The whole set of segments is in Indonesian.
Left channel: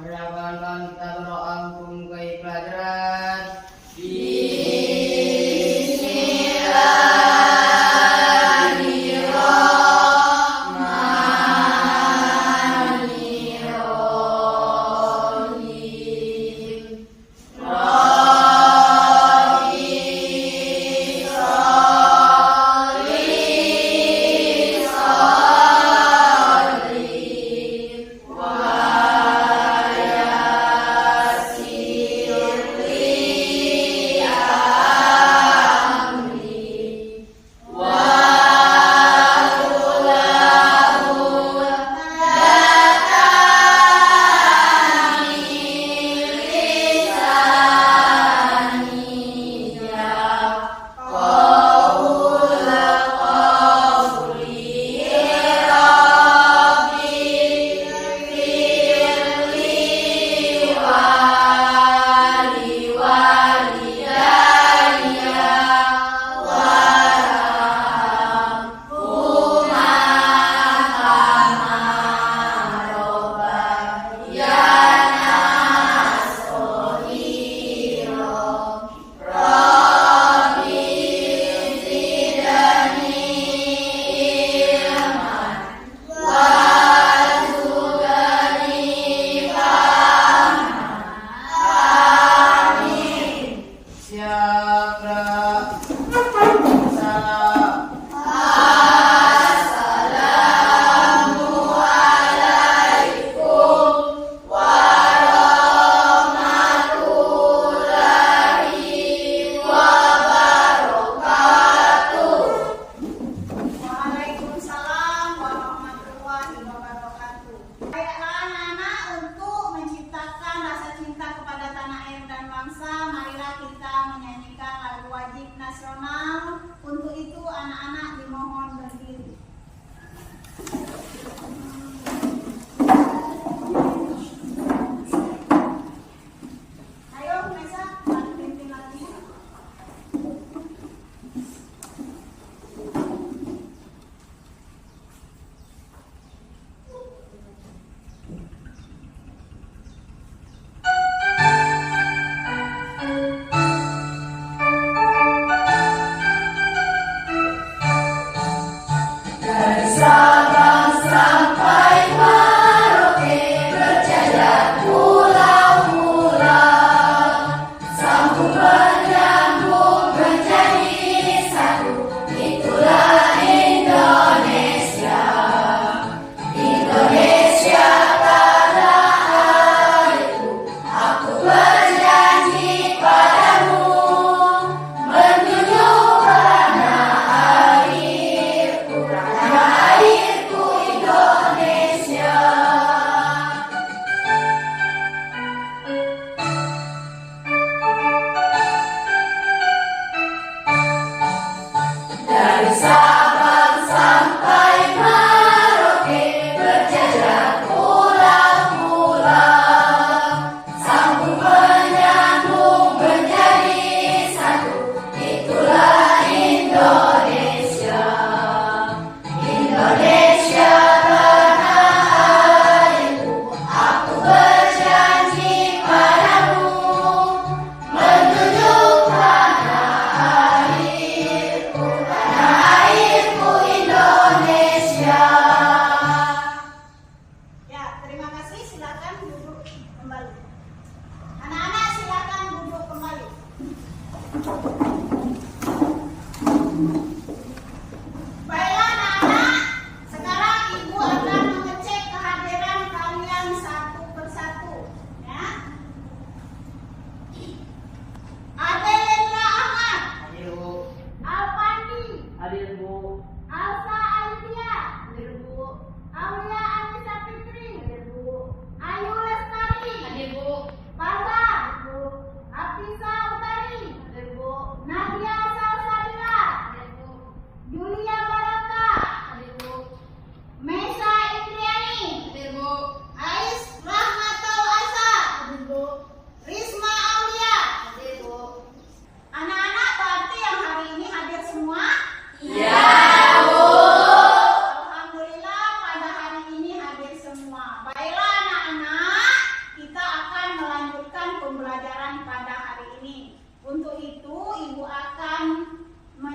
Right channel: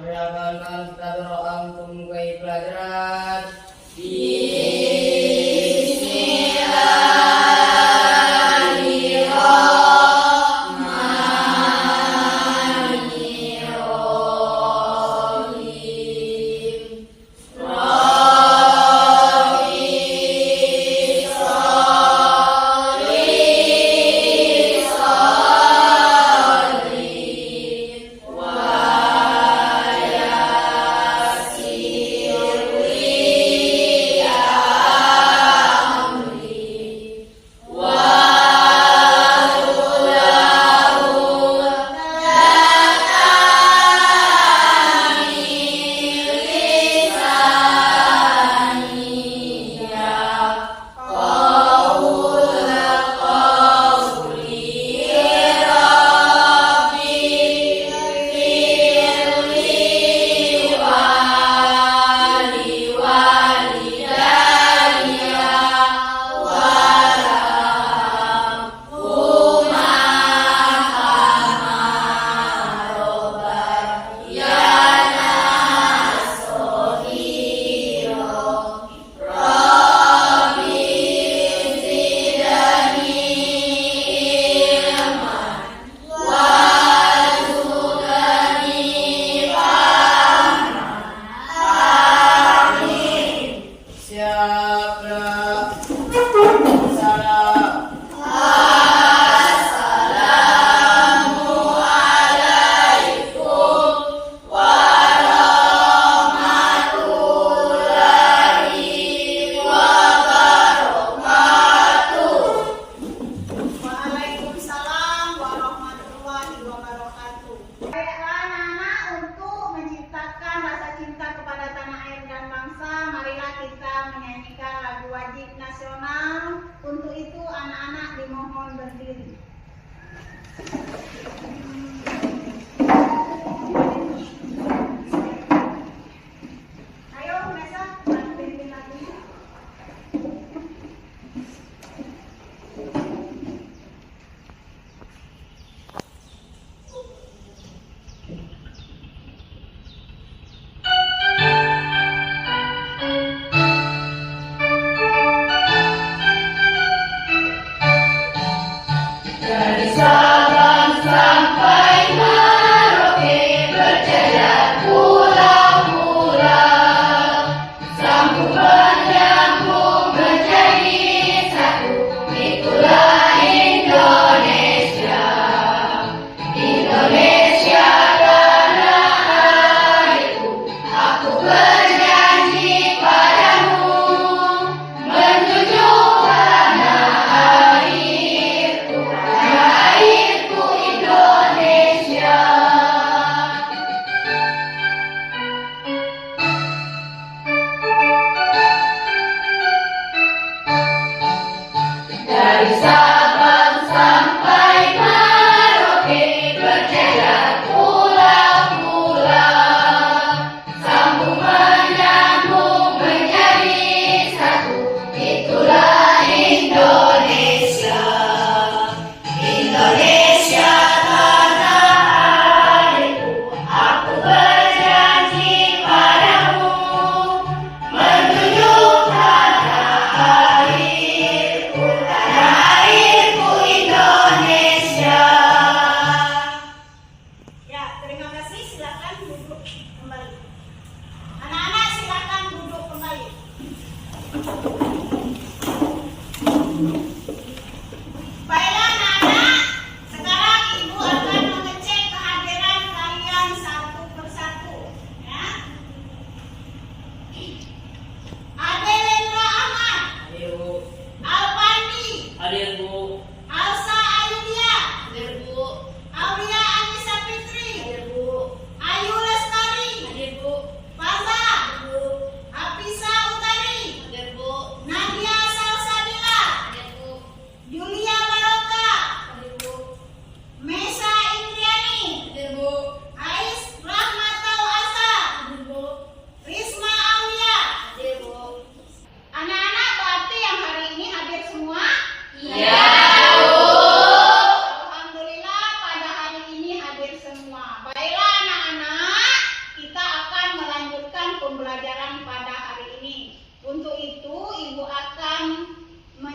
Meragalkan kita berdoa untuk pelajaran. Nasional. Untuk itu anak-anak dimohon berdiri. Ayo Mesa, pimpin lagi.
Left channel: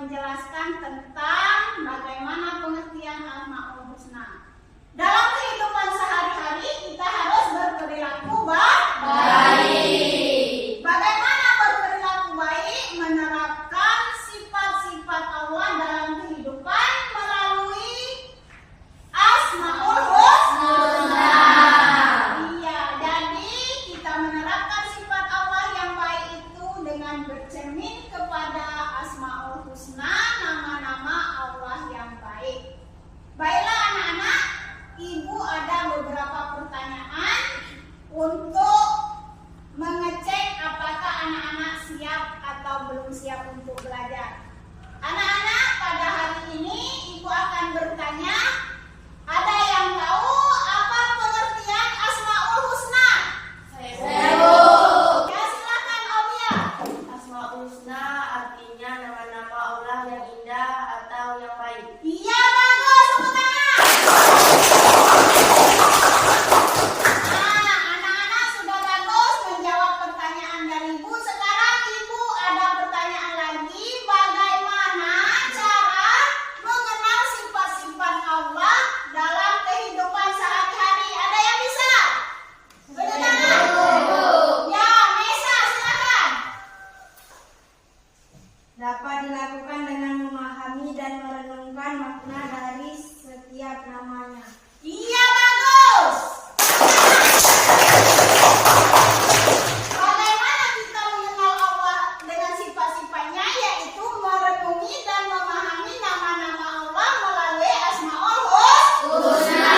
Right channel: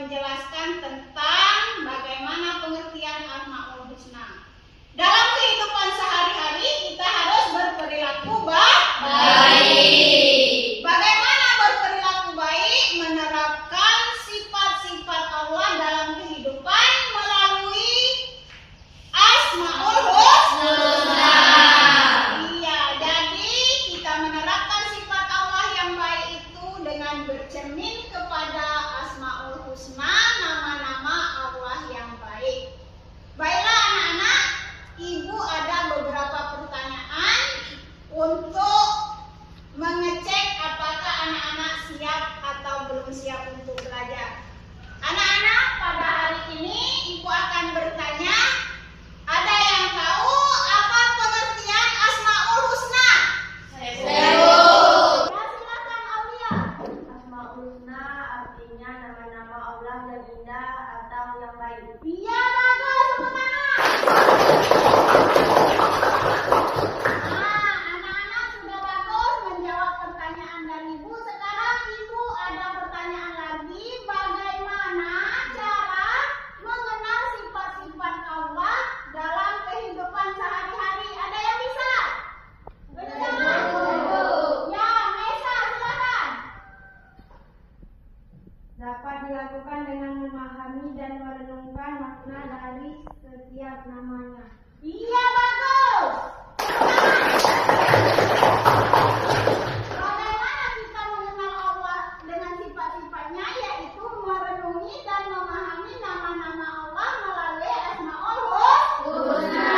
menjelaskan tentang bagaimana pengertian Asmaul Husna. Dalam kehidupan sehari-hari kita harus berperilaku baik. Bagaimana berperilaku baik? Menerapkan sifat-sifat Allah dalam kehidupan melalui Asmaul Husna. Iya, jadi kita menerapkan sifat Allah yang baik itu dengan bercermin kepada Asmaul Husna, nama-nama Allah yang baik. Baiklah anak-anak, Ibu ada beberapa pertanyaan untuk mengecek apakah anak-anak siap atau belum siap untuk belajar. Anak-anak, pada hari ini Ibu akan bertanya, ada yang tahu apa pengertian Asmaul Husna? Ya, silakan Aulia. Asmaul Husna artinya nama-nama Allah yang indah atau yang baik. Iya, bagus, tepuk tangan. Nah, anak-anak sudah bagus menjawab pertanyaan dari Ibu. Sekarang Ibu ada pertanyaan lagi, bagaimana cara mengenal sifat-sifat Allah dalam kehidupan sehari-hari? Ada yang bisa? Tepuk tangan. Ya, Mesa, silakan. Dapat dilakukan dengan memahami dan merenungkan makna dari setiap namanya. Iya, bagus. Bagaimana kita mengenal Allah dengan sifat-sifatnya, yaitu merenungi dan memahami nama-nama Allah melalui Asmaul Husna.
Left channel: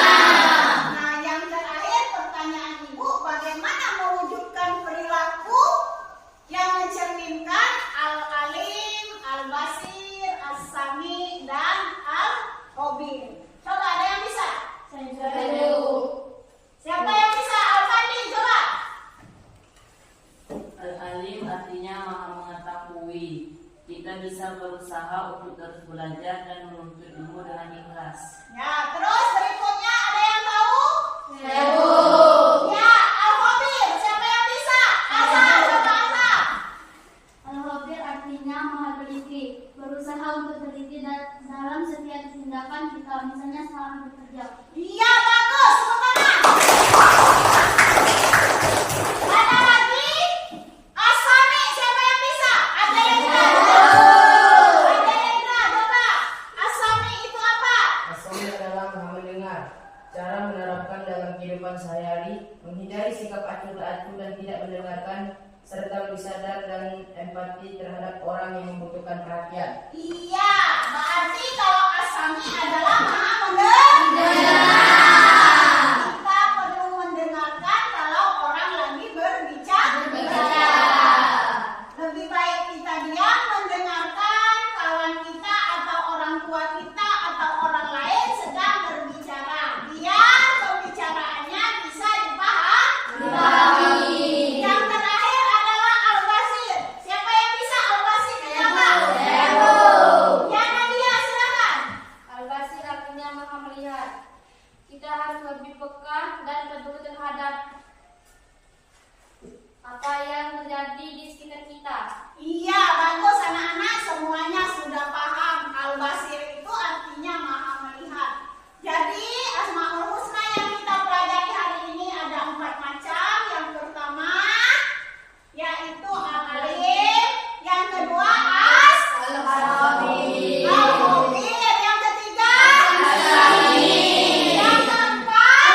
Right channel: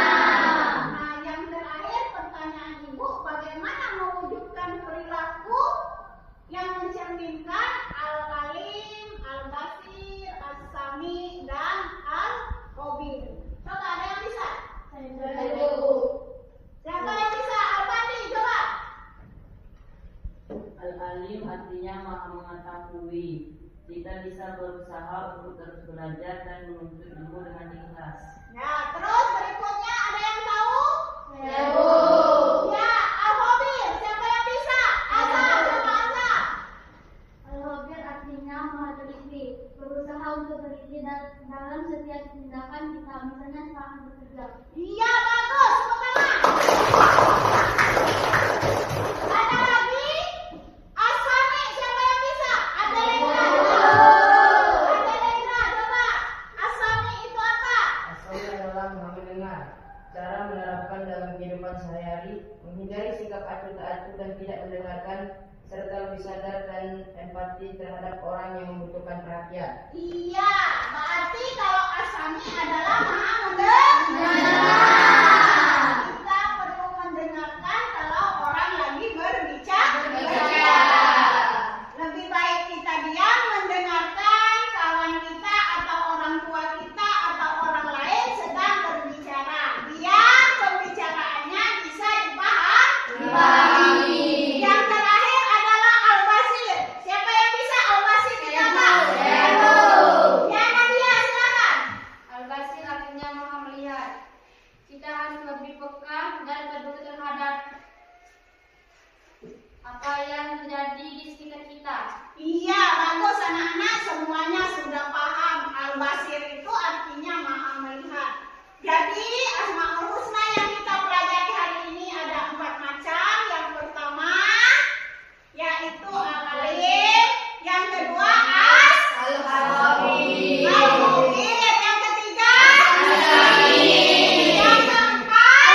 Nah, yang terakhir pertanyaan Ibu, bagaimana mewujudkan perilaku yang mencerminkan Al-Alim, Al-Basir, As-Sami, dan Al-Khabir? Coba ada yang bisa? Siapa yang bisa? Al-Fadli, coba. Al-Alim artinya maha mengetahui. Kita bisa berusaha untuk terus belajar dan menuntut ilmu dengan ikhlas. Ya, terus berikutnya ada yang tahu? Ya, Al-Khabir, siapa yang bisa? Asa, coba Asa. Al-Khabir artinya maha teliti, berusaha untuk teliti dalam setiap tindakan kita, misalnya saat bekerja. Iya, bagus, tepuk tangan. Ada lagi? As-Sami, siapa yang bisa? Ada yang coba. As-Sami itu apa? As-Sami adalah maha mendengar. Cara menerapkan dalam kehidupan sehari-hari, menghindari sikap acuh tak acuh dan tidak mendengarkan, serta lebih sadar dan empati terhadap orang yang membutuhkan perhatian. Iya, berarti kalau As-Sami adalah maha mendengar. Kita perlu mendengarkan kalau orang lagi berbicara. Lebih baik kita diam mendengarkan kawan kita atau orang tua kita atau orang lain sedang berbicara, biar pembicaraannya bisa dipahami. Yang terakhir adalah Al-Basir. Siapa yang bisa Al-Basir? Siapa? Ya, Nadia, silakan. Al-Basir artinya maha melihat. Kita harus lebih peka dan peduli terhadap apa yang terjadi di sekitar kita. Iya, bagus anak-anak, semuanya sudah paham. Al-Basir itu artinya maha melihat. Jadi Asmaul Husna yang kita pelajari hari ini ada 4 macam. Yang pertama yaitu Al-Alim, yang kedua Al-Khabir, yang ketiga yang keempat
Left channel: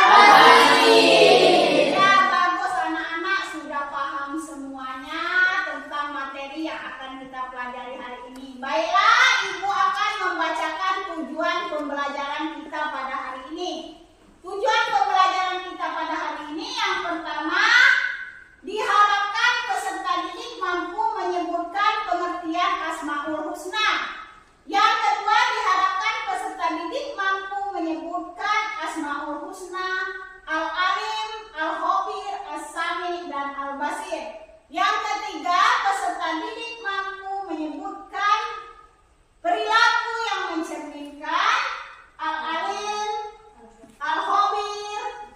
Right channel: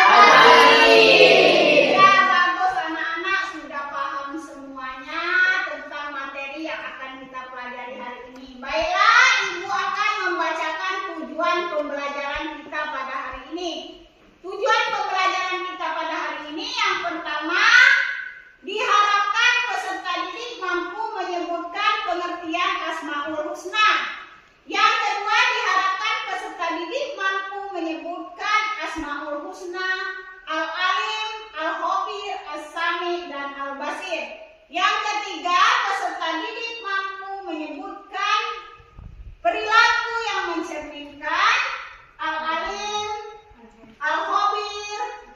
ya, bagus anak-anak sudah paham semuanya tentang materi yang akan kita pelajari hari ini. Baiklah, Ibu akan membacakan tujuan pembelajaran kita pada hari ini. Tujuan pembelajaran kita pada hari ini yang pertama, diharapkan peserta didik mampu menyebutkan pengertian Asmaul Husna. Yang kedua, diharapkan peserta didik mampu menyebutkan Asmaul Husna, Al-Alim, Al-Khabir, As-Sami, dan Al-Basir. Yang ketiga, peserta didik mampu menyebutkan perilaku yang mencerminkan Al-Alim, Al-Khabir,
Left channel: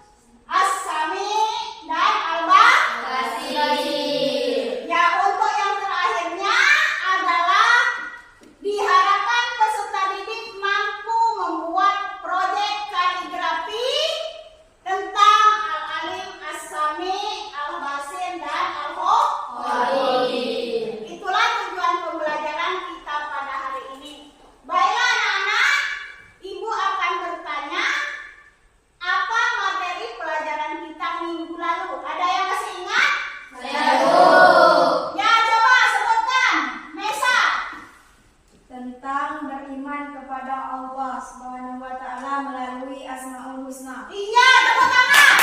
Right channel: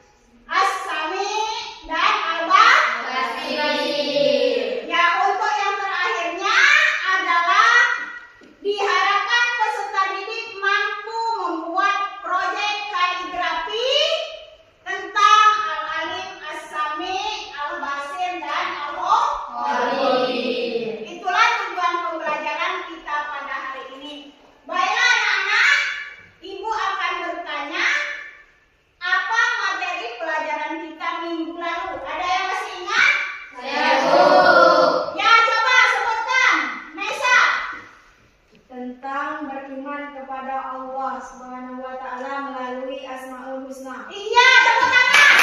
As-Sami, dan Al-Basir. Ya, untuk yang terakhirnya adalah diharapkan tentang beriman kepada Allah Subhanahu wa taala melalui Asmaul Husna. Iya, tepuk tangan.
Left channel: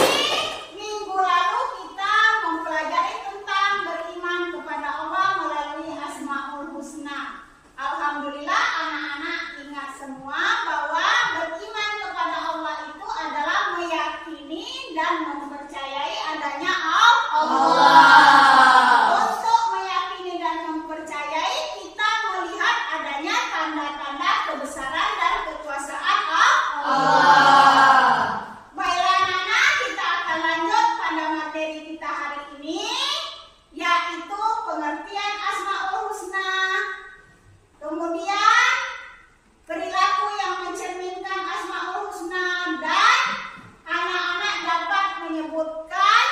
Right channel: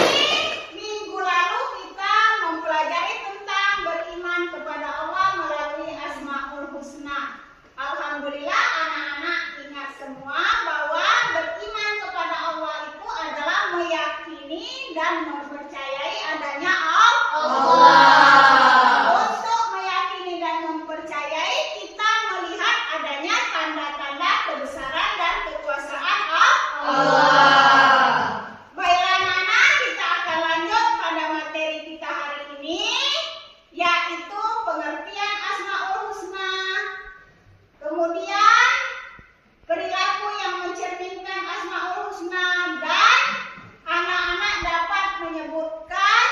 Jadi, minggu lalu kita mempelajari tentang beriman kepada Allah melalui Asmaul Husna. Alhamdulillah anak-anak ingat semua bahwa beriman kepada Allah itu adalah meyakini dan mempercayai adanya Allah. Untuk meyakini dan mempercayai kita melihat adanya tanda-tanda kebesaran dan kekuasaan Allah. Baiklah anak-anak, kita akan lanjut pada materi kita hari ini, yaitu pengertian Asmaul Husna. Kemudian perilaku yang mencerminkan Asmaul Husna, dan anak-anak dapat menyebutkan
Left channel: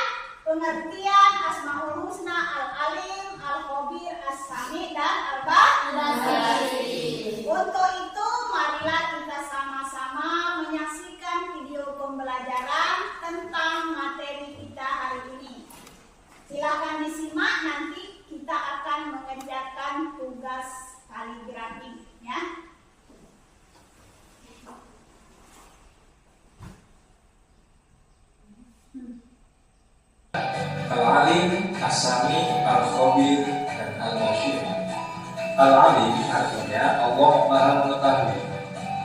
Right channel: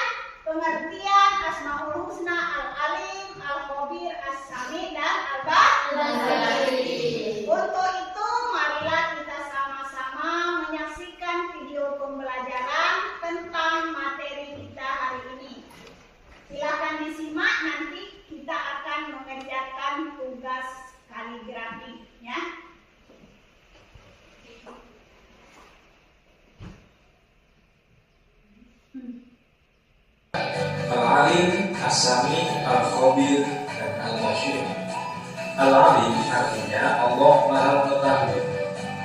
pengertian Asmaul Husna Al-Alim, Al-Khabir, As-Sami, dan Al-Basir. Untuk itu marilah kita sama-sama menyaksikan video pembelajaran tentang materi kita hari ini. Silakan disimak, nanti kita akan mengerjakan tugas kaligrafi ya. Al-Alim, As-Sami, Al-Khabir, dan Al-Basir. Al-Alim artinya Allah Maha Mengetahui.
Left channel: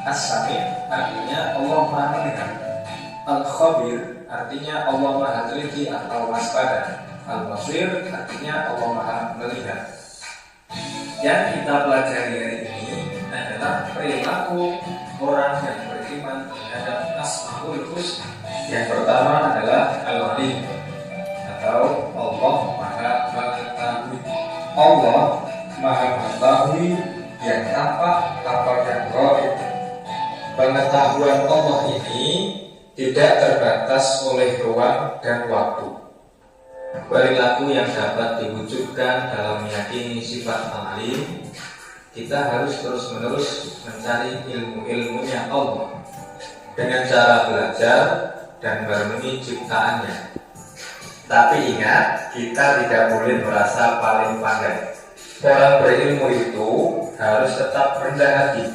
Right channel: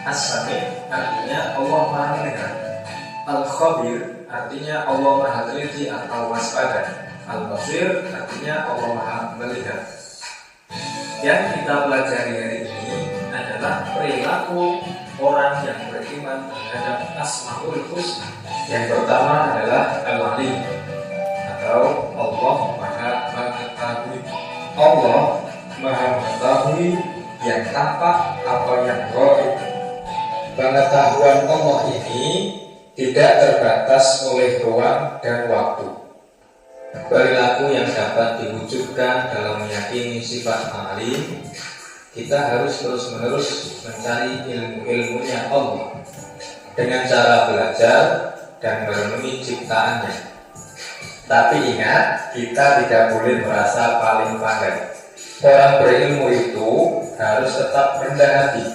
As-Sami artinya Allah Maha Mendengar. Al-Khabir artinya Allah Maha Teliti atau waspada. Al-Basir artinya Allah Maha Melihat. Yang kita pelajari hari ini adalah perilaku orang yang beriman terhadap Asmaul Husna. Yang pertama adalah Al-Alim atau Allah Maha Mengetahui. Allah Maha Mengetahui yang tampak atau yang gaib. Pengetahuan Allah ini tidak terbatas oleh ruang dan waktu. Perilaku yang dapat diwujudkan dalam meyakini sifat Al-Alim, kita harus terus-menerus mencari ilmu-ilmunya Allah dengan cara belajar dan merenungi ciptaannya. Tapi ingat, kita tidak boleh merasa paling pandai. Orang berilmu itu harus tetap rendah hati.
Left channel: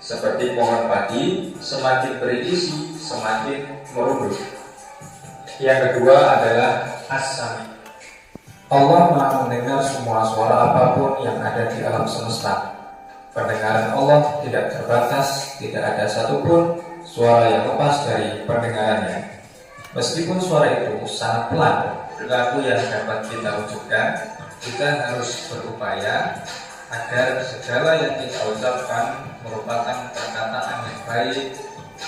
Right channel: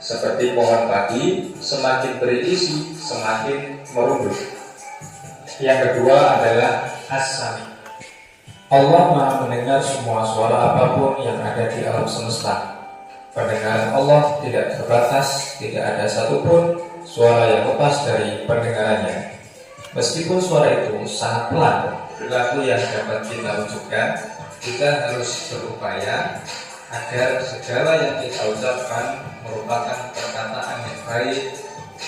Seperti pohon padi, semakin berisi, semakin merunduk. Yang kedua adalah As-Sami. Allah Maha mendengar semua suara apapun yang ada di alam semesta. Pendengaran Allah tidak terbatas, tidak ada satupun suara yang lepas dari pendengarannya. Meskipun suara itu sangat pelan, perilaku yang dapat kita wujudkan, kita harus berupaya agar segala yang kita ucapkan merupakan perkataan yang baik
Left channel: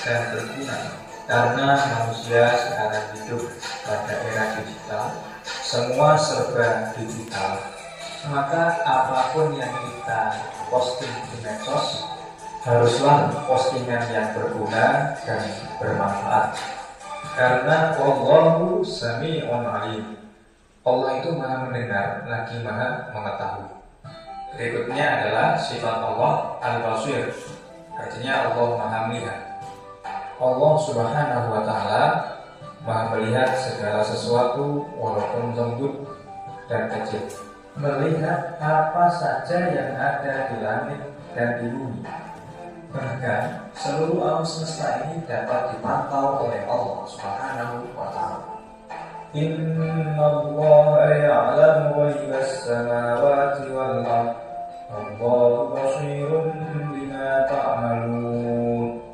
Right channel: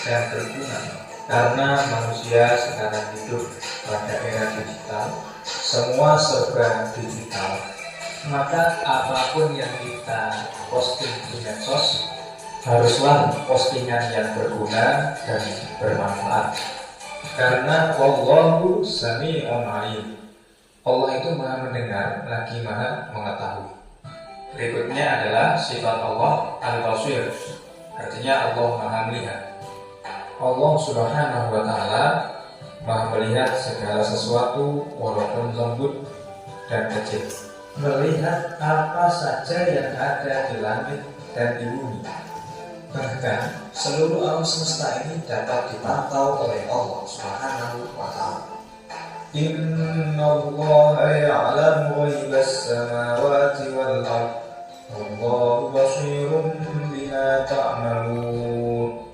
dan berguna. Karena manusia sekarang hidup pada era digital, semua serba digital, maka apapun yang kita posting di medsos haruslah postingan yang berguna dan bermanfaat. Karena Allahu Sami'un Alim, Allah itu Maha Mendengar lagi Maha Mengetahui. Berikutnya adalah sifat Allah Al-Basir, artinya Allah Maha Melihat. Allah Subhanahu wa Ta'ala Maha melihat segala sesuatu walaupun lembut dan kecil, melihat apa saja yang ada di langit dan di bumi. Bahkan seluruh alam semesta ini dapat dipantau oleh Allah Subhanahu wa Ta'ala. Innallaha ya'lamu ghaibas samawati wal ardh, wallahu basirun bima ta'malun.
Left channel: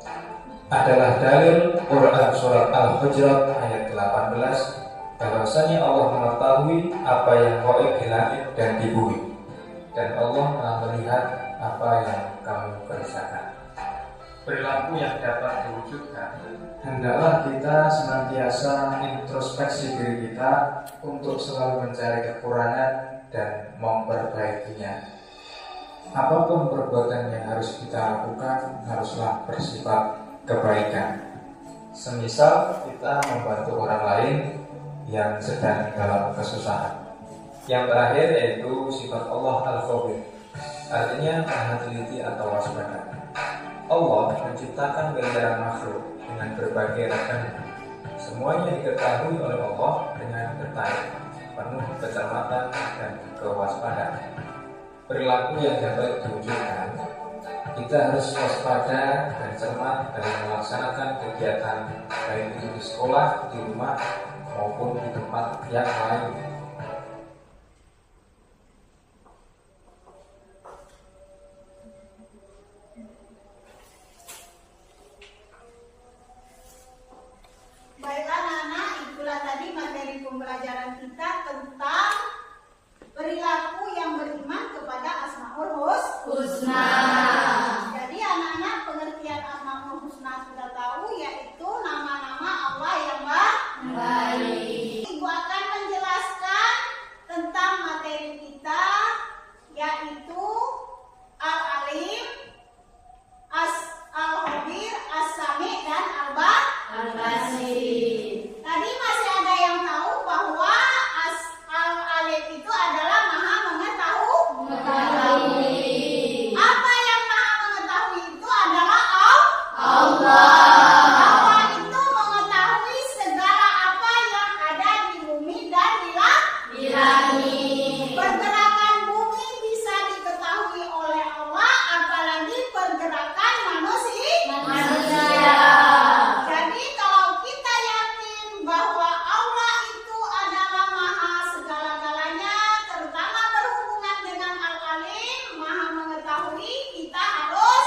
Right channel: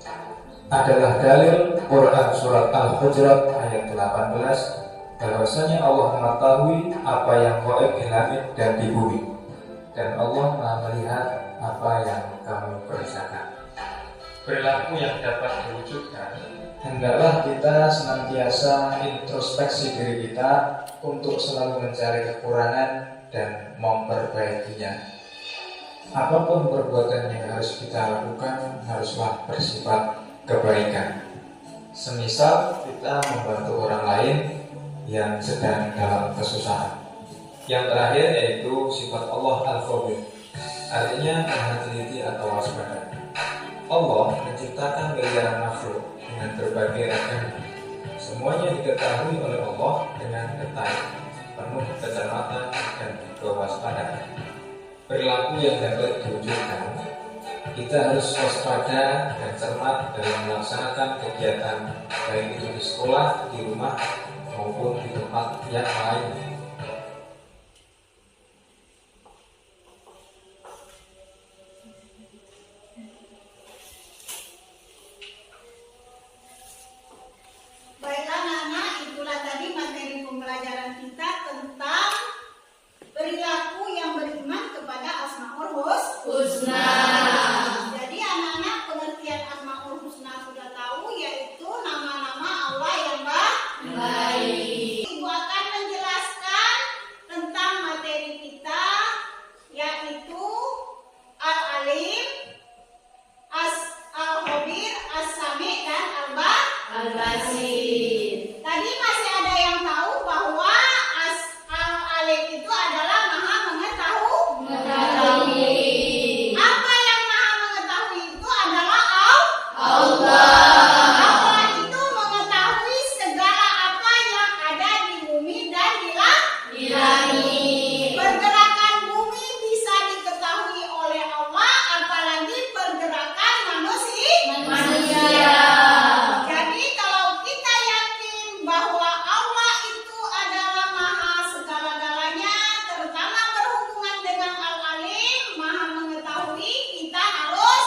Adalah dalil Quran surat Al-Hujurat ayat 18 bahwasanya Allah mengetahui apa yang gaib di langit dan di bumi, dan Allah Maha melihat apa yang kamu kerjakan. Perilaku yang dapat diwujudkan, hendaklah kita senantiasa introspeksi diri kita untuk selalu mencari kekurangan dan memperbaikinya. Apapun perbuatan yang harus kita lakukan haruslah bersifat kebaikan. Semisal kita membantu orang lain yang sedang dalam kesusahan. Yang terakhir yaitu sifat Allah Al-Khabir, artinya Maha teliti atau waspada. Allah menciptakan miliaran makhluk dengan berbagai ragam. Semuanya diketahui oleh Allah dengan detail. penuh kecermatan dan kewaspadaan. Perilaku yang dapat diwujudkan, kita harus waspada dan cermat dalam melaksanakan kegiatan baik itu di sekolah, di rumah, maupun di tempat yang lain. Baiklah anak-anak, itulah tadi materi pembelajaran kita tentang perilaku yang beriman kepada Asmaul Husna. Jadi anak-anak, pengertian Asmaul Husna sudah tahu, yaitu nama-nama Allah yang baik. Ibu akan menjelaskan tentang materi kita, yaitu Al-Alim, Al-Khabir, As-Sami, dan Al-Basir. Tadi masih ada yang tahu bahwa Al-Alim itu adalah Maha Mengetahui. Apa yang Maha Mengetahui itu adalah Allah. Allah itu mengetahui segala apa yang ada di bumi dan di langit. Pergerakan bumi bisa diketahui oleh Allah, apalagi pergerakan manusia. Jadi kalau kita yakin bahwa Allah itu adalah Maha segala-galanya, terutama berhubungan dengan Al-Alim, Maha Mengetahui, kita harus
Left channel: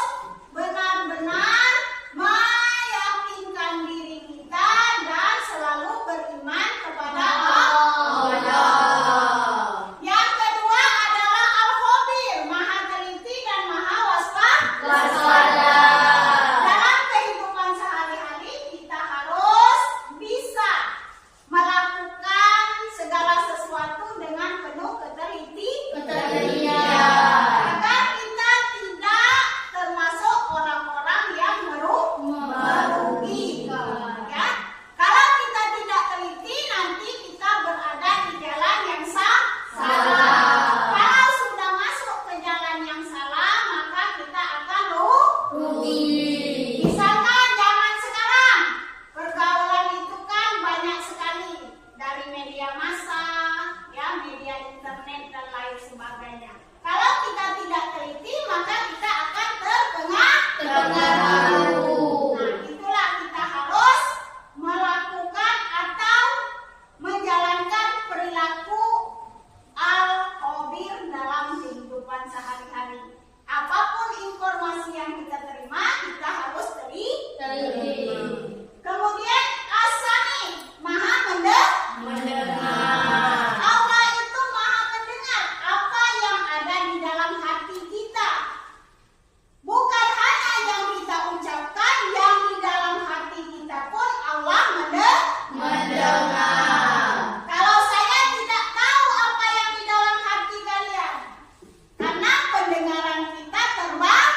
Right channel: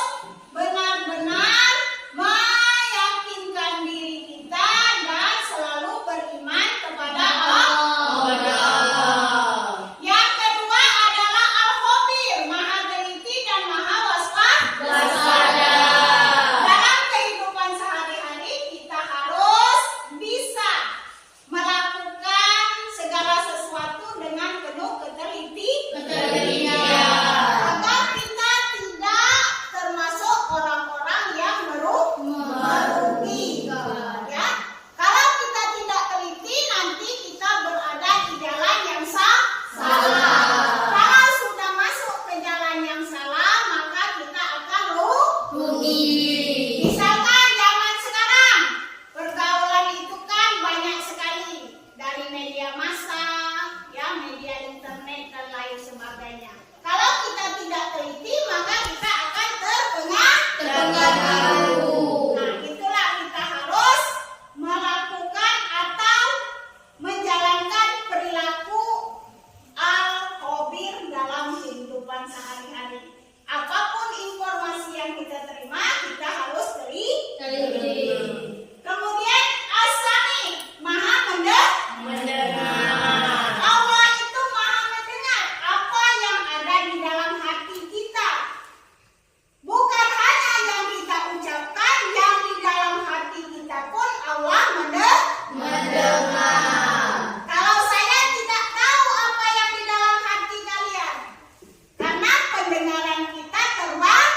benar-benar meyakinkan diri kita dan selalu beriman kepada Allah. Yang kedua adalah Al-Khabir, Maha teliti dan Maha waspada. Dalam kehidupan sehari-hari kita harus bisa melakukan segala sesuatu dengan penuh ketelitian. Agar kita tidak termasuk orang-orang yang merugikan. Ya. Kalau kita tidak teliti, nanti kita berada di jalan yang salah. Kalau sudah masuk ke jalan yang salah, maka kita akan rugi. Misalkan zaman sekarang, pergaulan itu kan banyak sekali dari media massa, ya, media internet dan lain sebagainya. Kalau kita tidak teliti, maka kita akan terpengaruh. Nah, itulah kita harus melakukan atau menjalankan perilaku Al-Khabir dalam kehidupan sehari-hari. Apapun informasi yang kita terima, kita harus teliti. Kemudian As-Sami, Maha mendengar. Allah itu Maha mendengar apa yang ada di dalam hati kita. Bukan hanya yang kita ucapkan, yang di dalam hati kita pun Allah mendengar. Kalau saya tidak tahu apa yang di dalam hati kalian, karena pendengaran kita terbatas.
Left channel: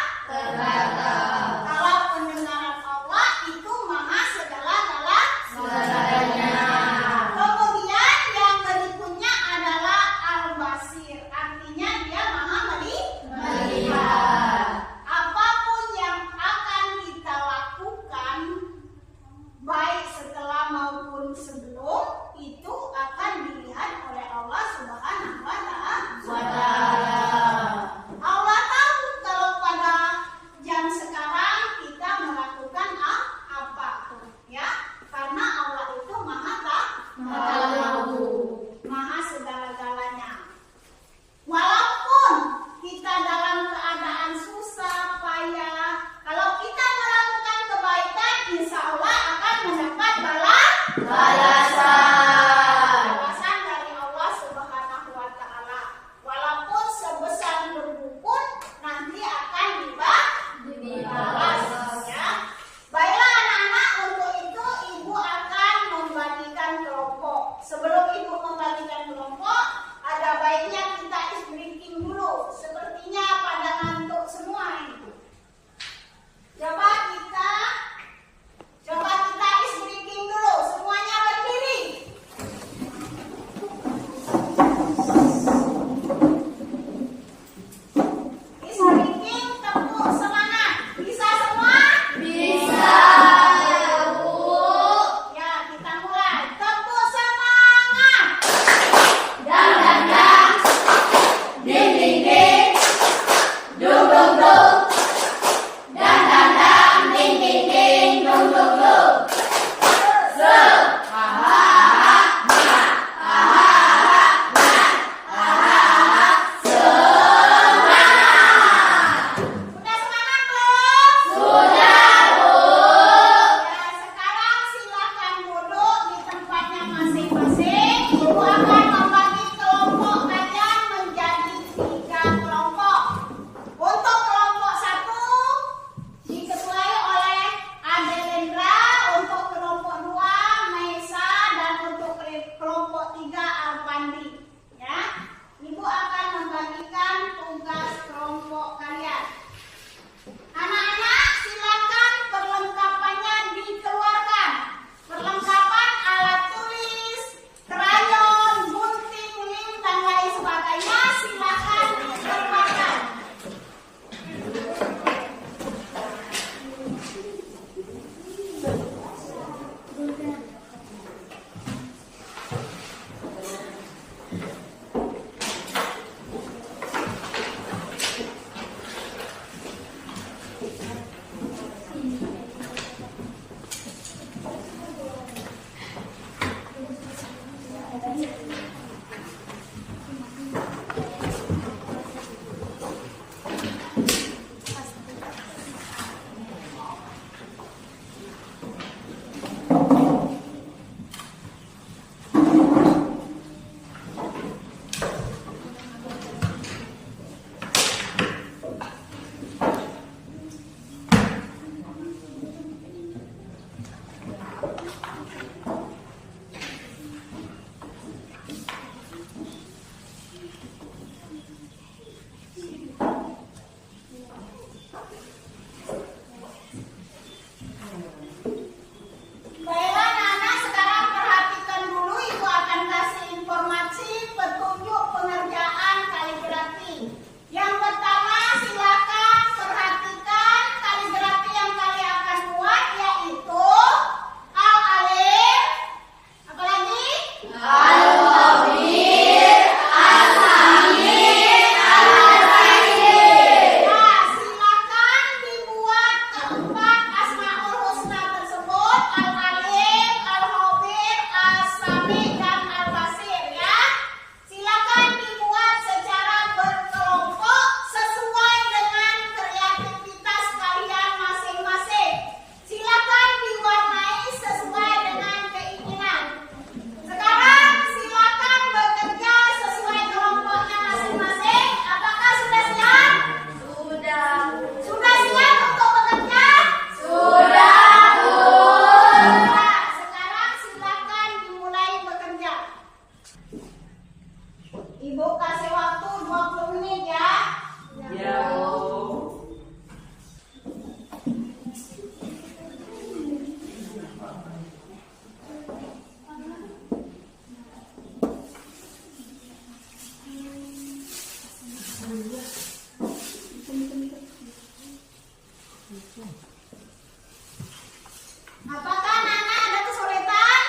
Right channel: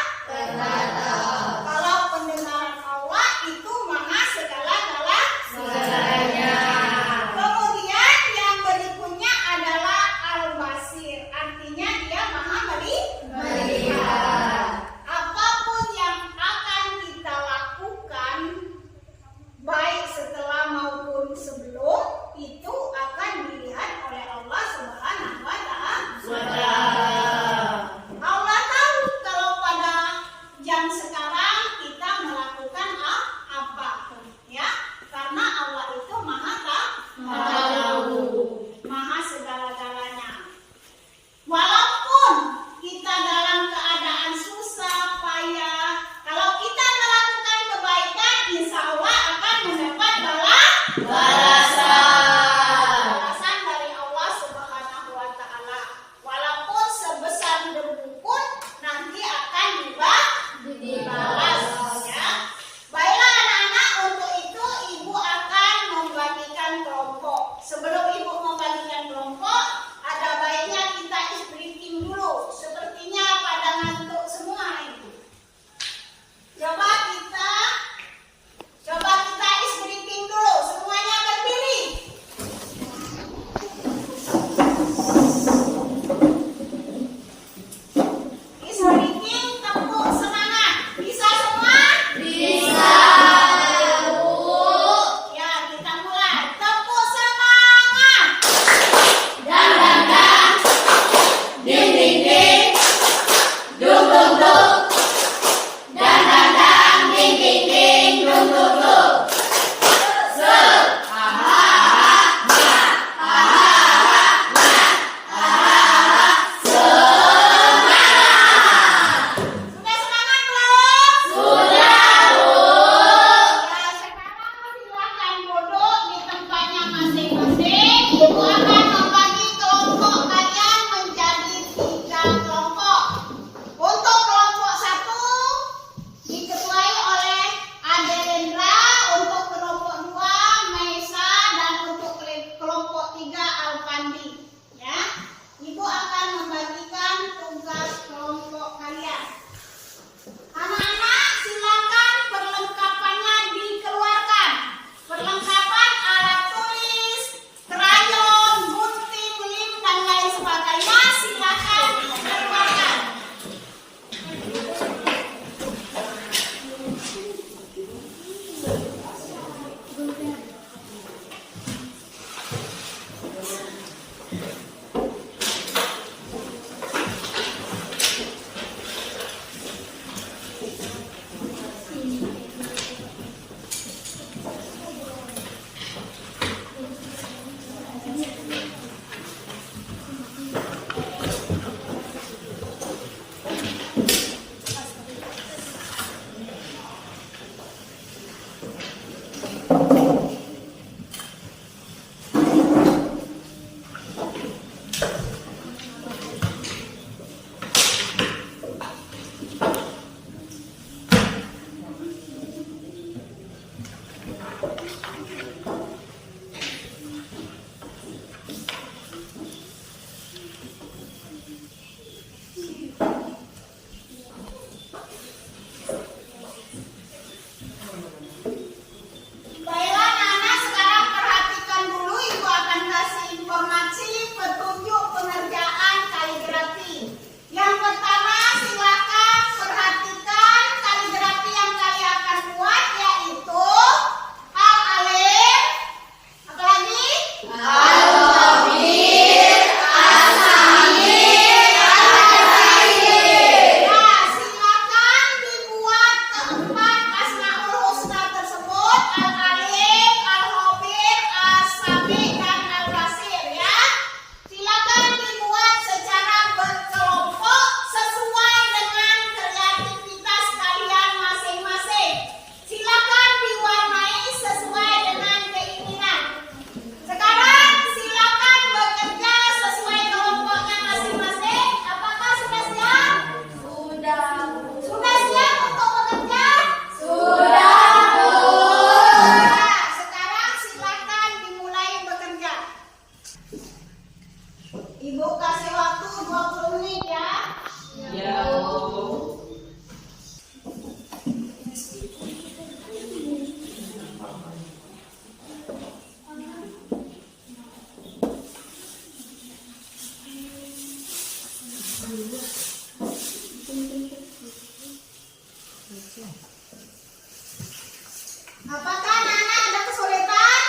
Apakah anak-anak ada kesulitan?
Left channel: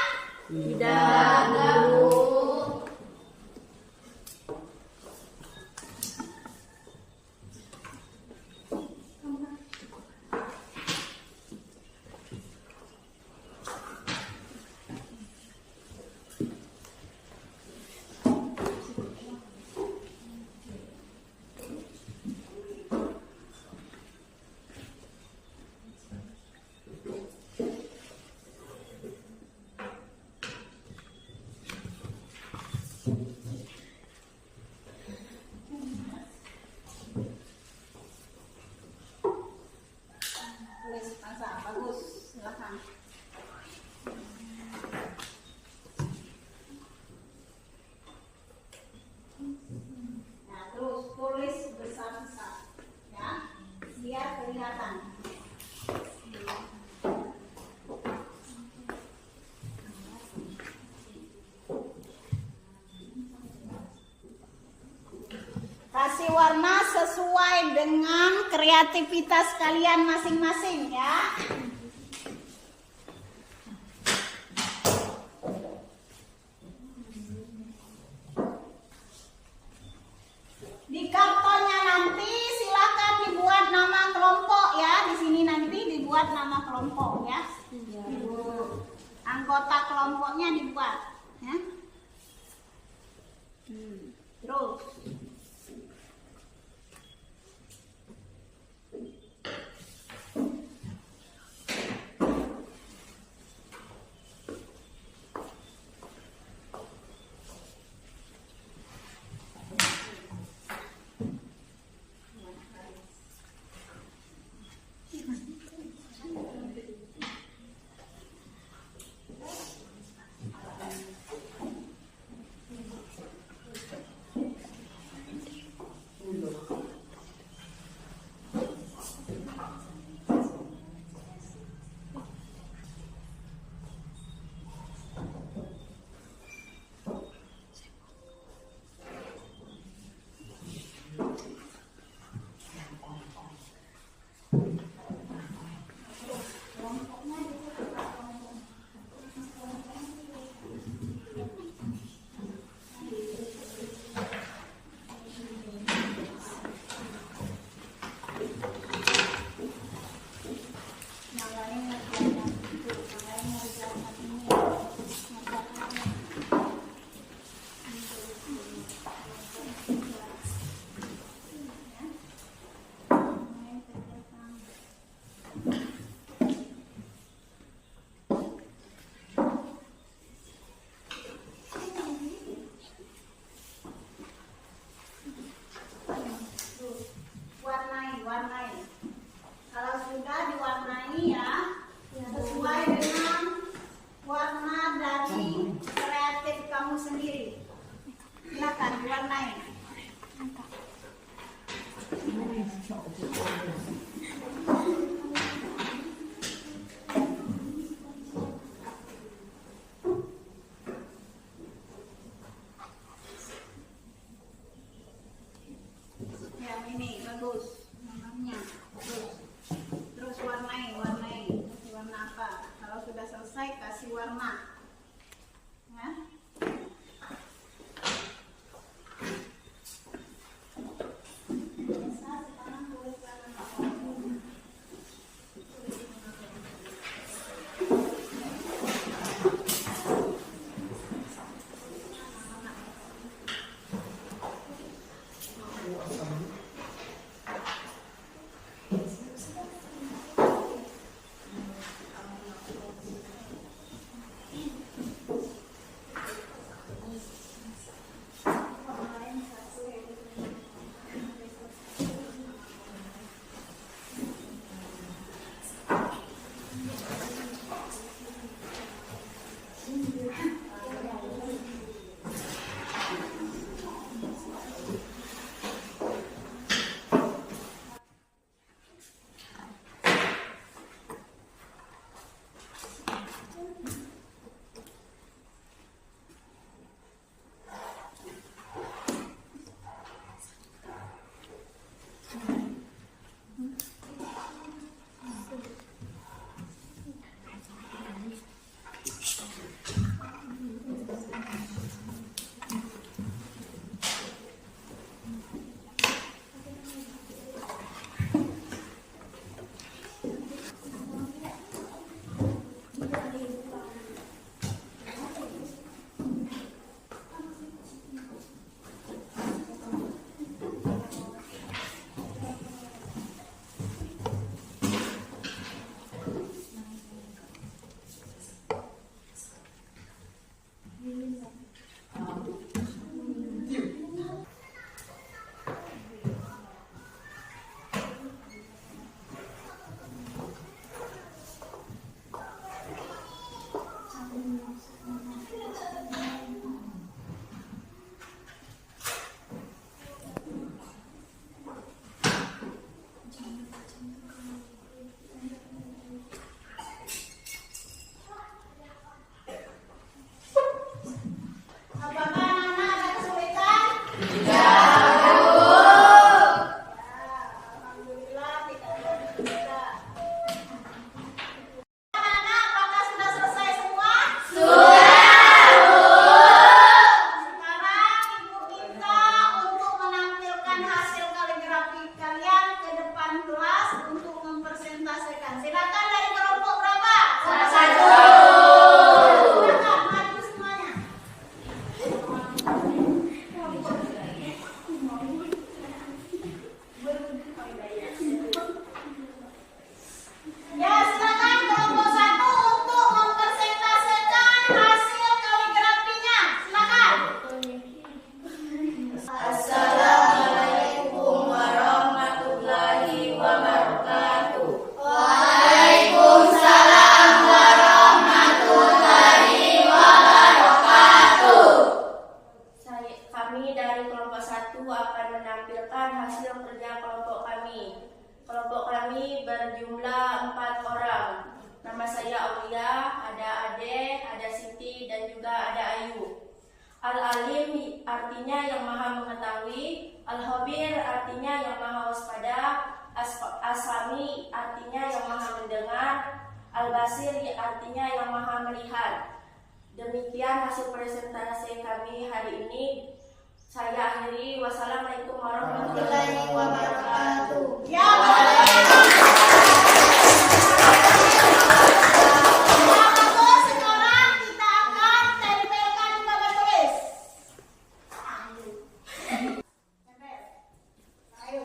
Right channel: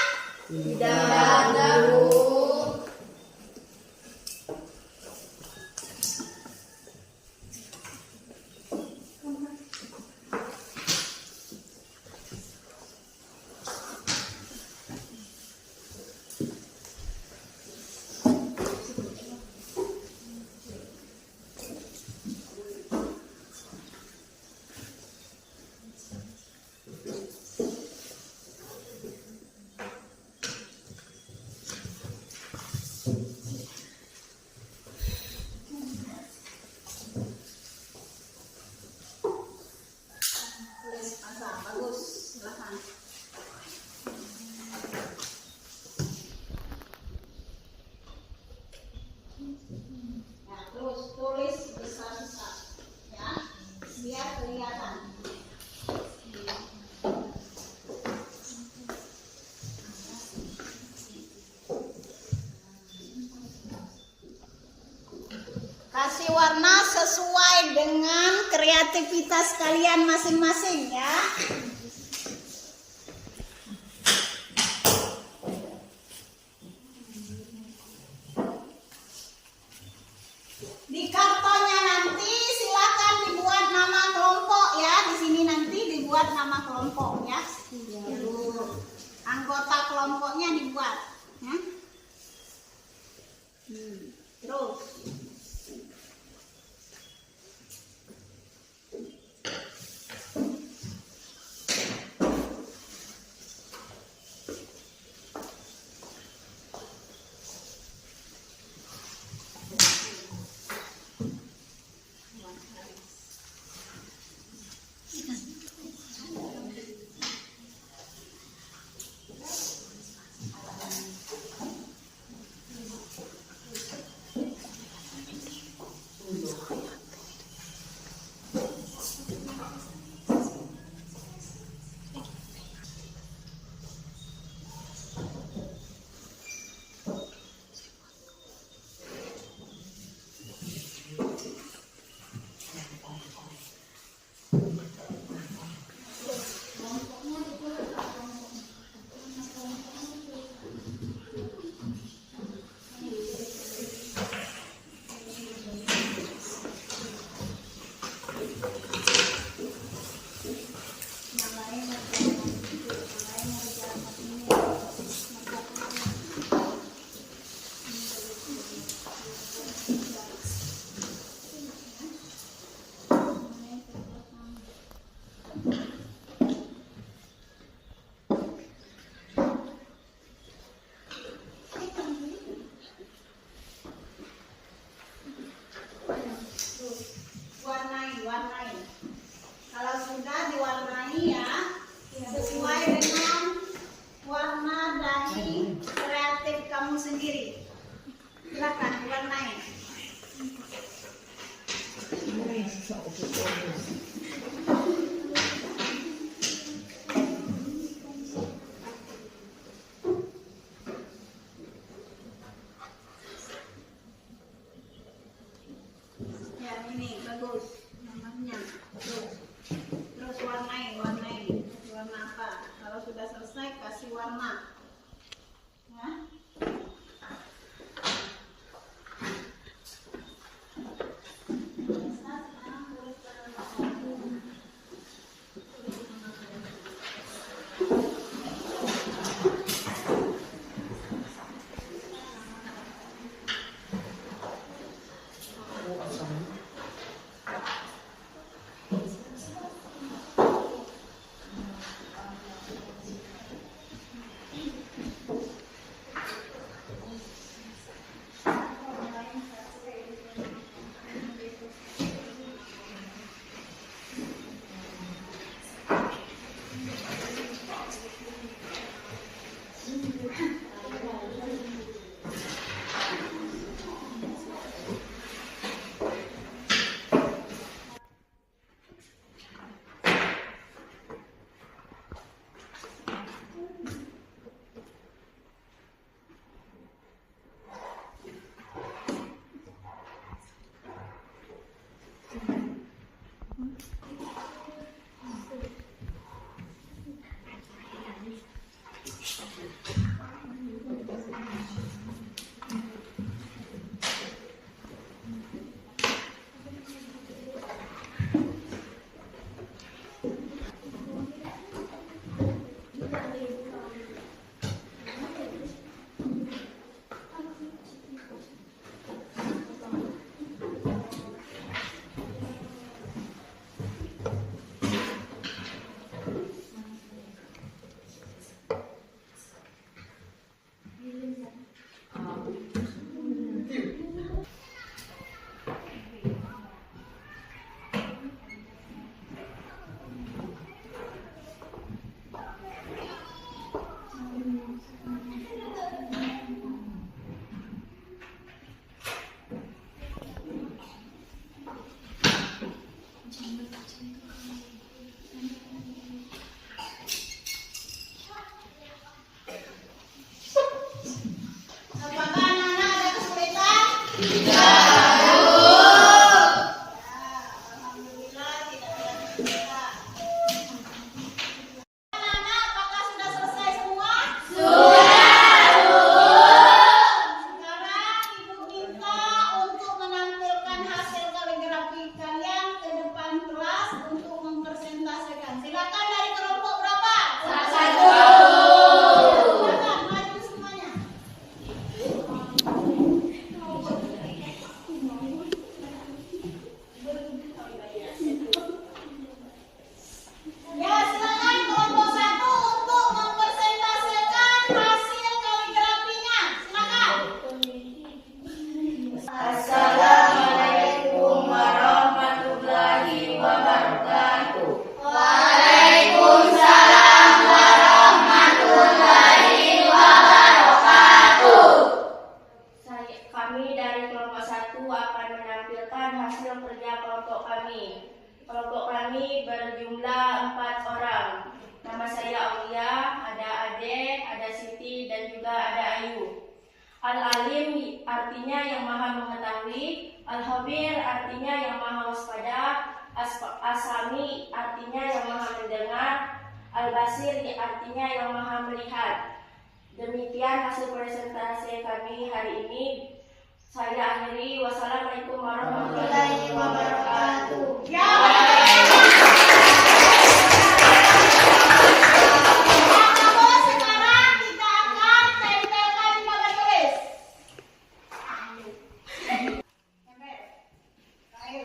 Tidak, Bu. Tulis asa, bagus, silakan. Nah, terus tulis besar-besar, ya, biar kelihatan. Kasih warna sesuai dengan kreativitas kalian masing-masing ya. Di kartonnya nanti silakan dibuat nama kelompok ya. Di sini nanti dibuat nama kelompok ya. Anggota kelompoknya dibuat ya. Terus warnai. Kalau sudah diwarnai ya, sesuai dengan warna dari kreatif kamu sendiri. Silakan diwarnai. Ya ini bagus. Terus warnai warna apa? Kalau sudah selesai kasih warna ya. menampilkan hasil kerja kelompok kami. Kelompok kami berjumlah 4 orang. Nama saya Aulia, ada Ade, ada Siti, dan juga ada Ayu. Al-Alim artinya yang maha mengetahui, Al-Khabir artinya yang maha waspada, As-Sami artinya yang maha mendengar, Al-Basir artinya yang maha melihat. Demikian hasil presentasi kami hari ini. Saya akhiri. Wassalamualaikum warahmatullahi wabarakatuh. Sekarang kita akan tempelkan di papan tulis. Ayo,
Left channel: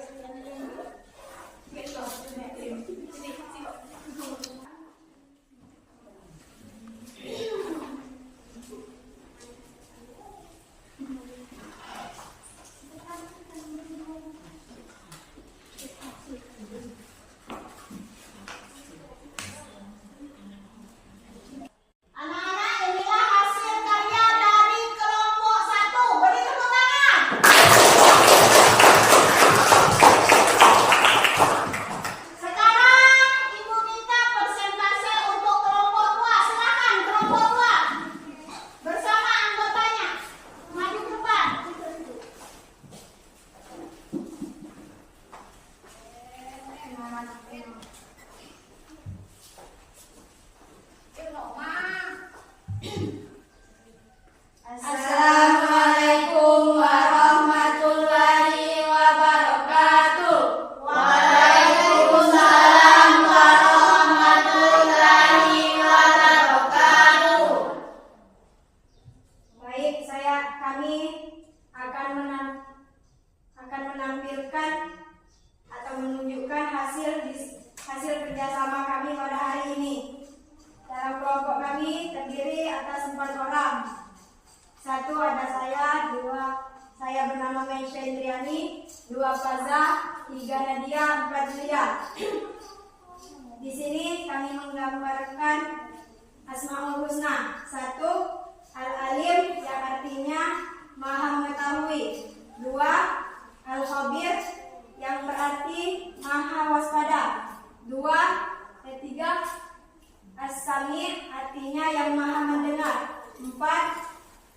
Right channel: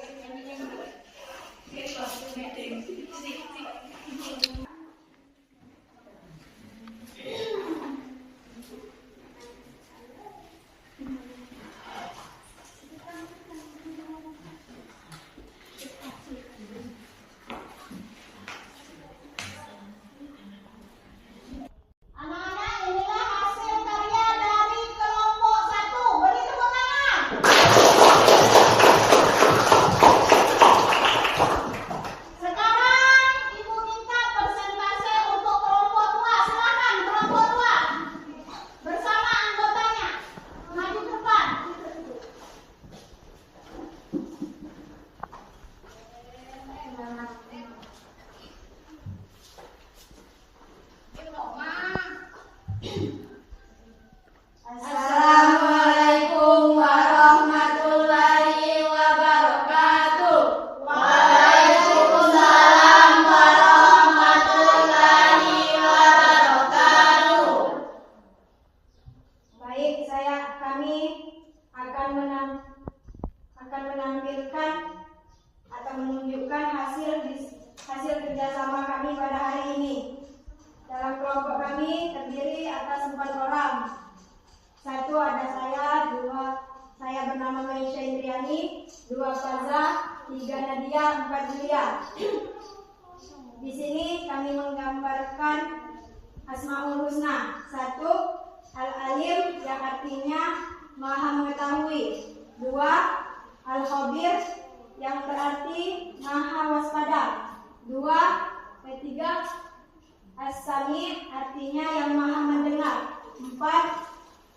anak-anak, inilah hasil karya dari kelompok 1. Beri tepuk tangan. Sekarang Ibu minta persentase untuk kelompok 2. Silakan kelompok 2 bersama anggotanya maju ke depan. Assalamualaikum warahmatullahi wabarakatuh. Waalaikumsalam warahmatullahi wabarakatuh. Baik, kami akan menampilkan atau menunjukkan hasil kerjasama kami pada hari ini. Dalam kelompok kami terdiri atas 4 orang. 1 ada saya, 2 saya bernama Maisha Indriani, 2 Faza, 3 Nadia, 4 Julia. Di sini kami menggambarkan Asmaul Husna. 1 Al-Alim yang artinya maha mengetahui. 2 Al-Khabir yang berarti maha waspada. 3 As-Sami artinya yang maha mendengar. 4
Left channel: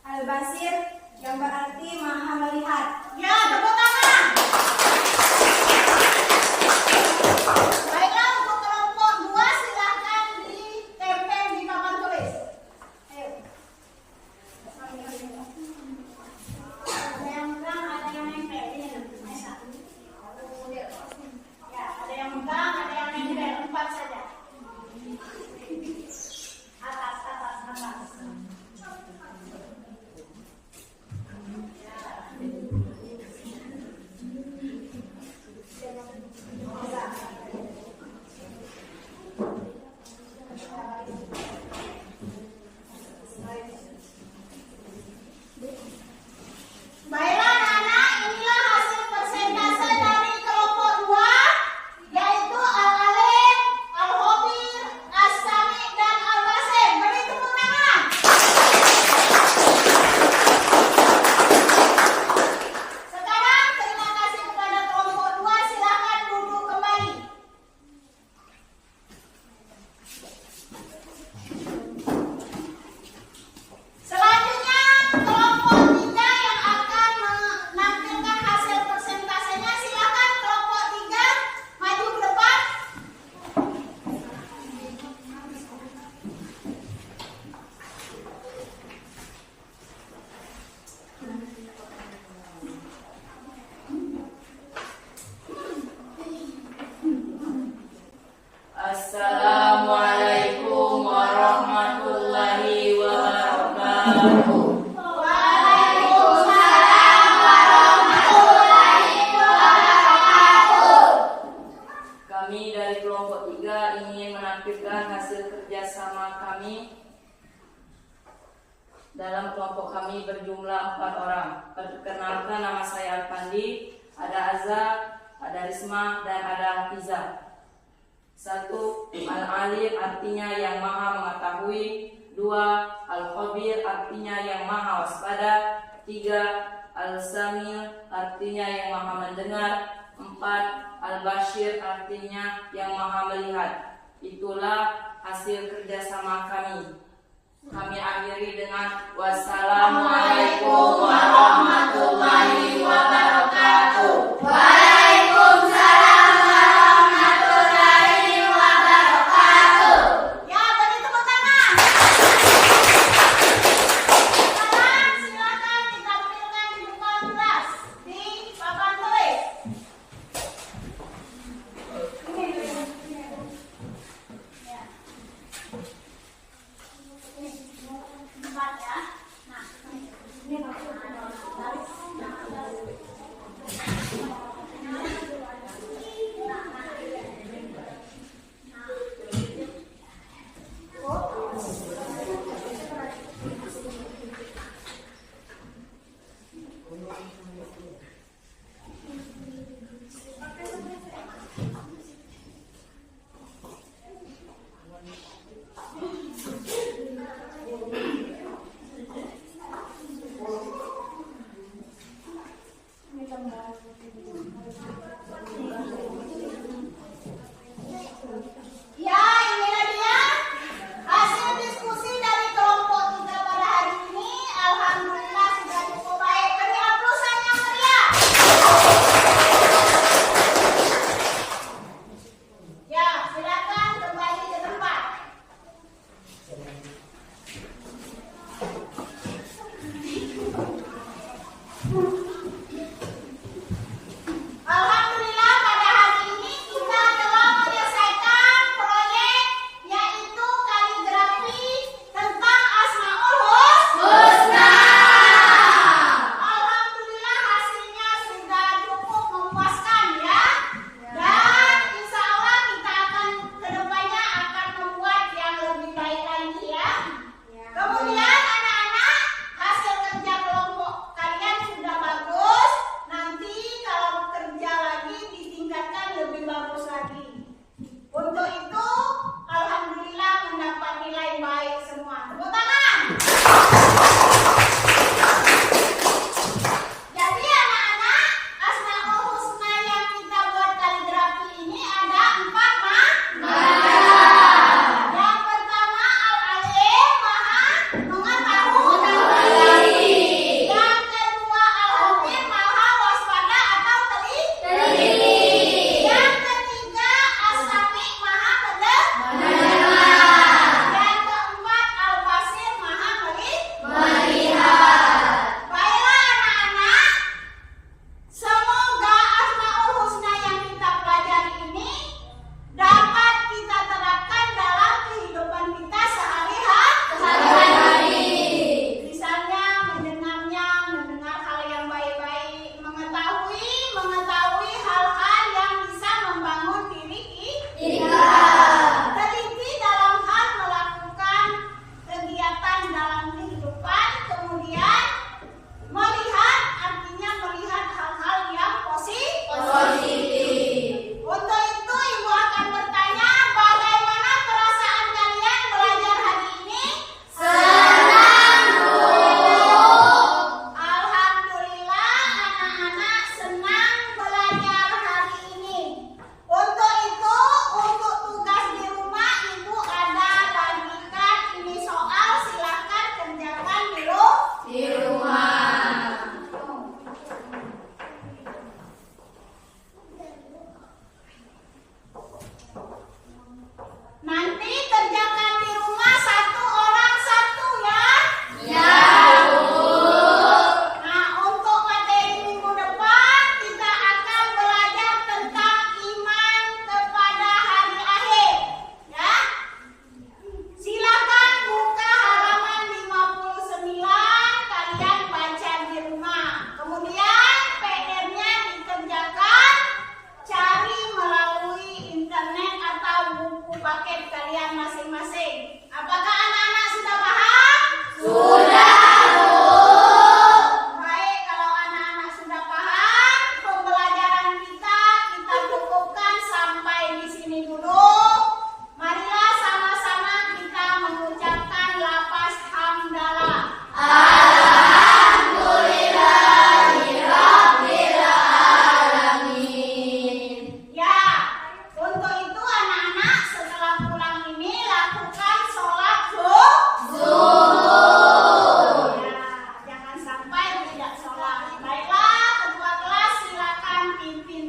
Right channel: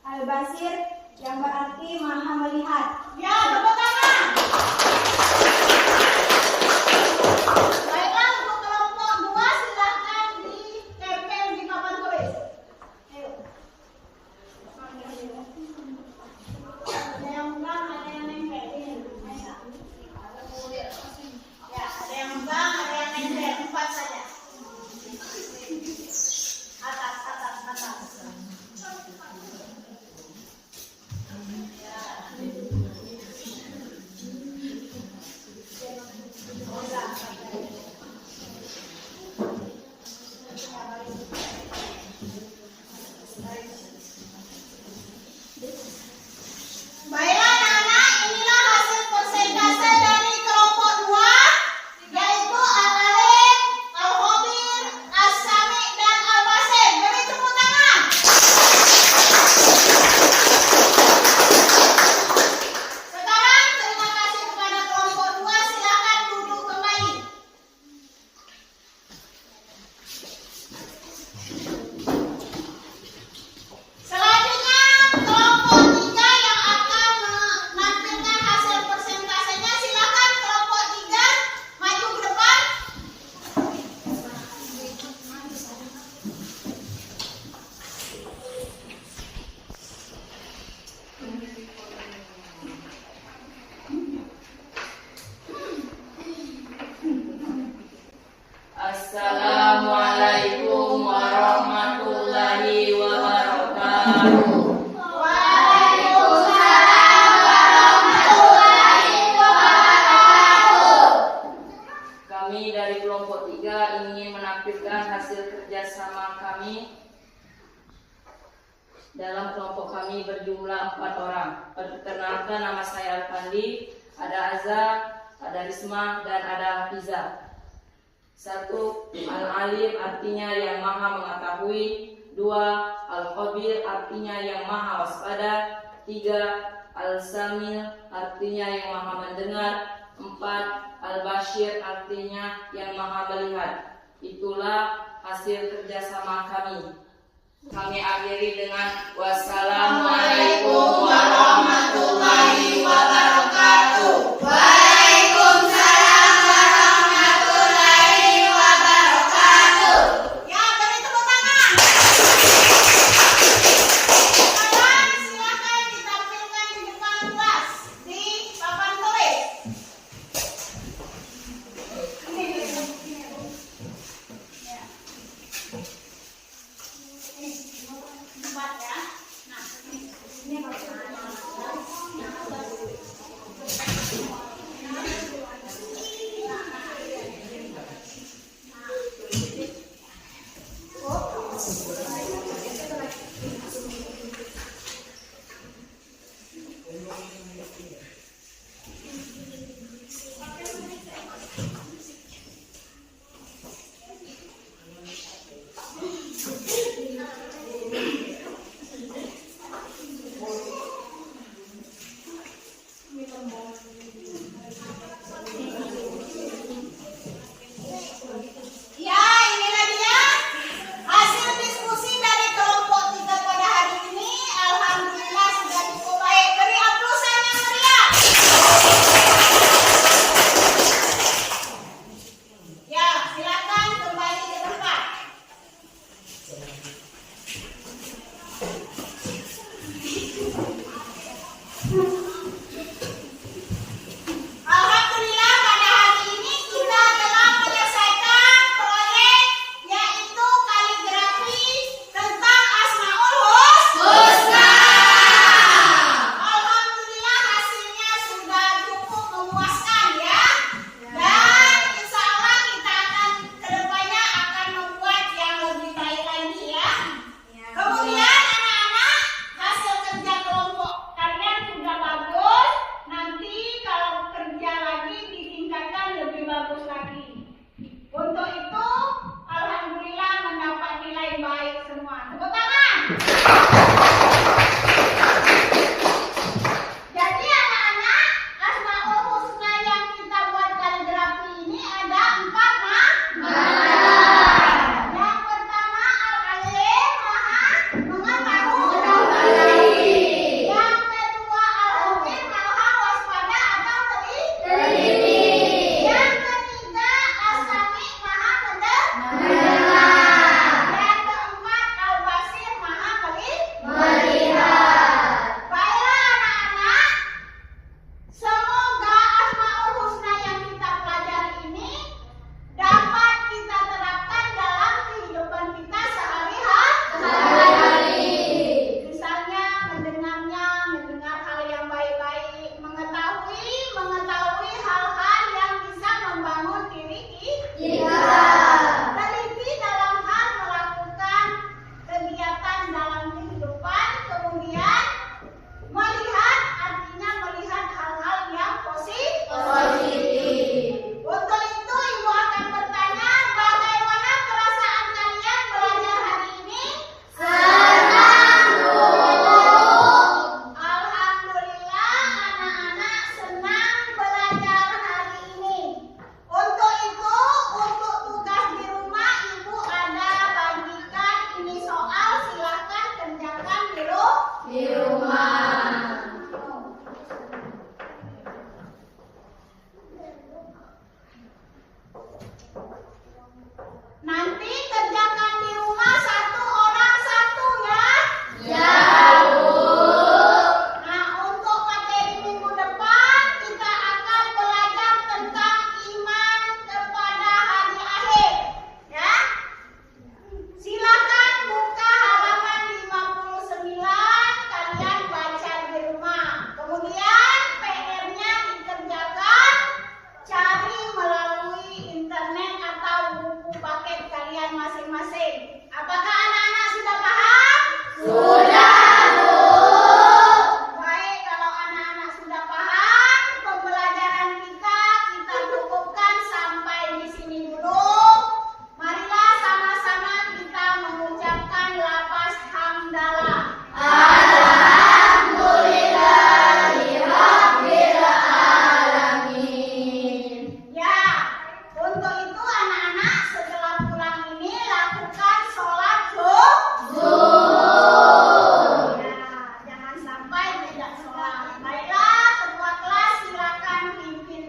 Al-Basir yang berarti maha melihat. Ya, tepuk tangan. Baiklah, untuk kelompok 2 silakan ditempel di papan tulis. Ayo. Ada yang menang, ada yang nempel. Ini, Aisyah. Ya, ada yang menang, ada yang nempel. 4 saja. Atas. Baiklah anak-anak, inilah hasil persentase dari kelompok 2, yaitu Al-Alim, Al-Khabir, As-Sami, dan Al-Basir. Beri tepuk tangan. Sekarang terima kasih kepada kelompok 2. Silakan duduk kembali. Selanjutnya kelompok 3 yang akan menampilkan hasil persentasenya. Silakan kelompok 3 maju ke depan. Assalamualaikum warahmatullahi wabarakatuh. Waalaikumsalam warahmatullahi wabarakatuh. Kami dari kelompok 3 ingin menampilkan hasil kerjasama kami. Dalam kelompok kami berjumlah 4 orang. Perkenalkan, nama saya Alfandi, ada Azza, ada Risma, dan ada Hafiza. 1 Al-Alim artinya yang maha mengetahui. 2 Al-Khabir artinya yang maha waspada. 3 Al-Samil artinya yang maha mendengar. 4. Al-Bashir artinya yang maha melihat. Itulah hasil kerjasama kami. Kami akhiri dengan wassalamualaikum warahmatullahi wabarakatuh. Waalaikumsalam warahmatullahi wabarakatuh. Ya, beri tepuk tangan. Sekarang silakan ditampilkan di depan kelas di papan tulis. Empat ya. Nah, ini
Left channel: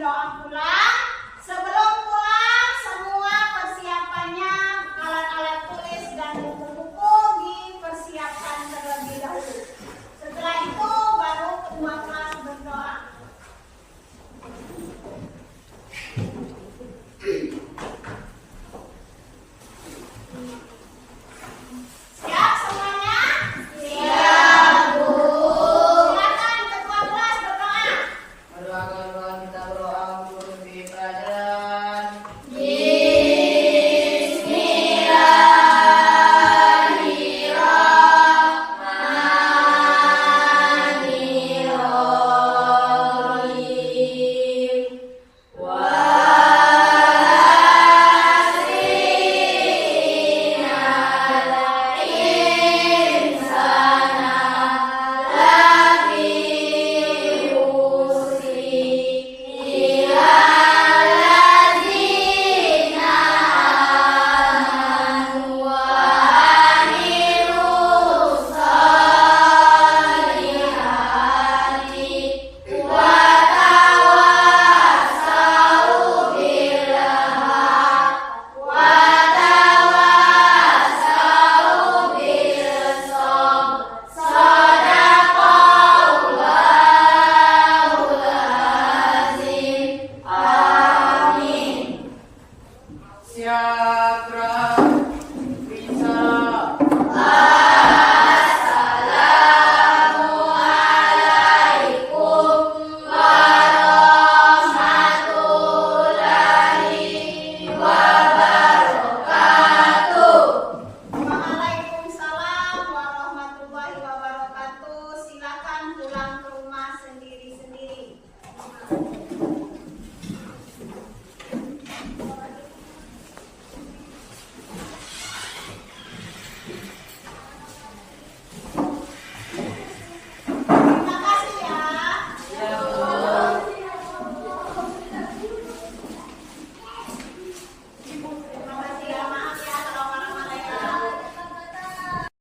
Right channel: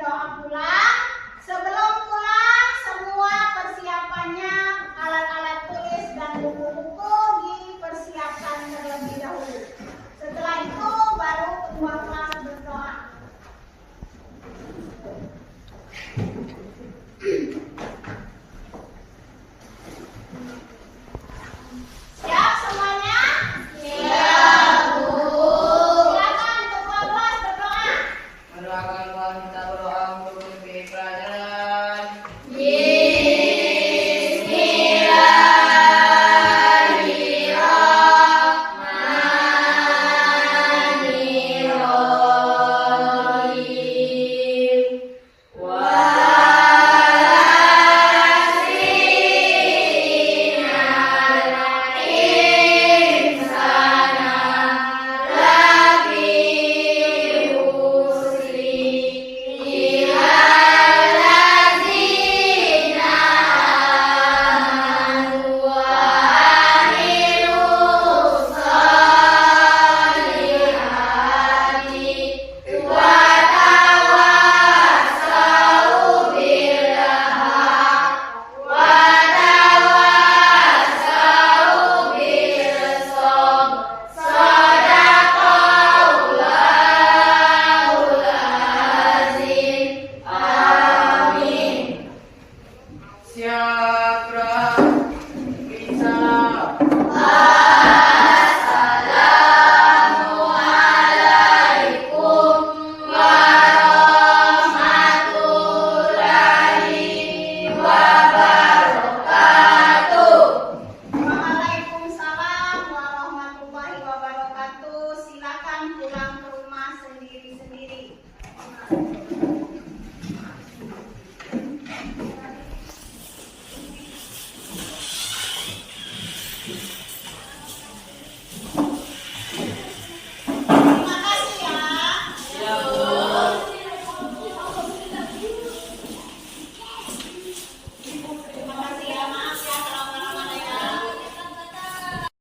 Abdullah,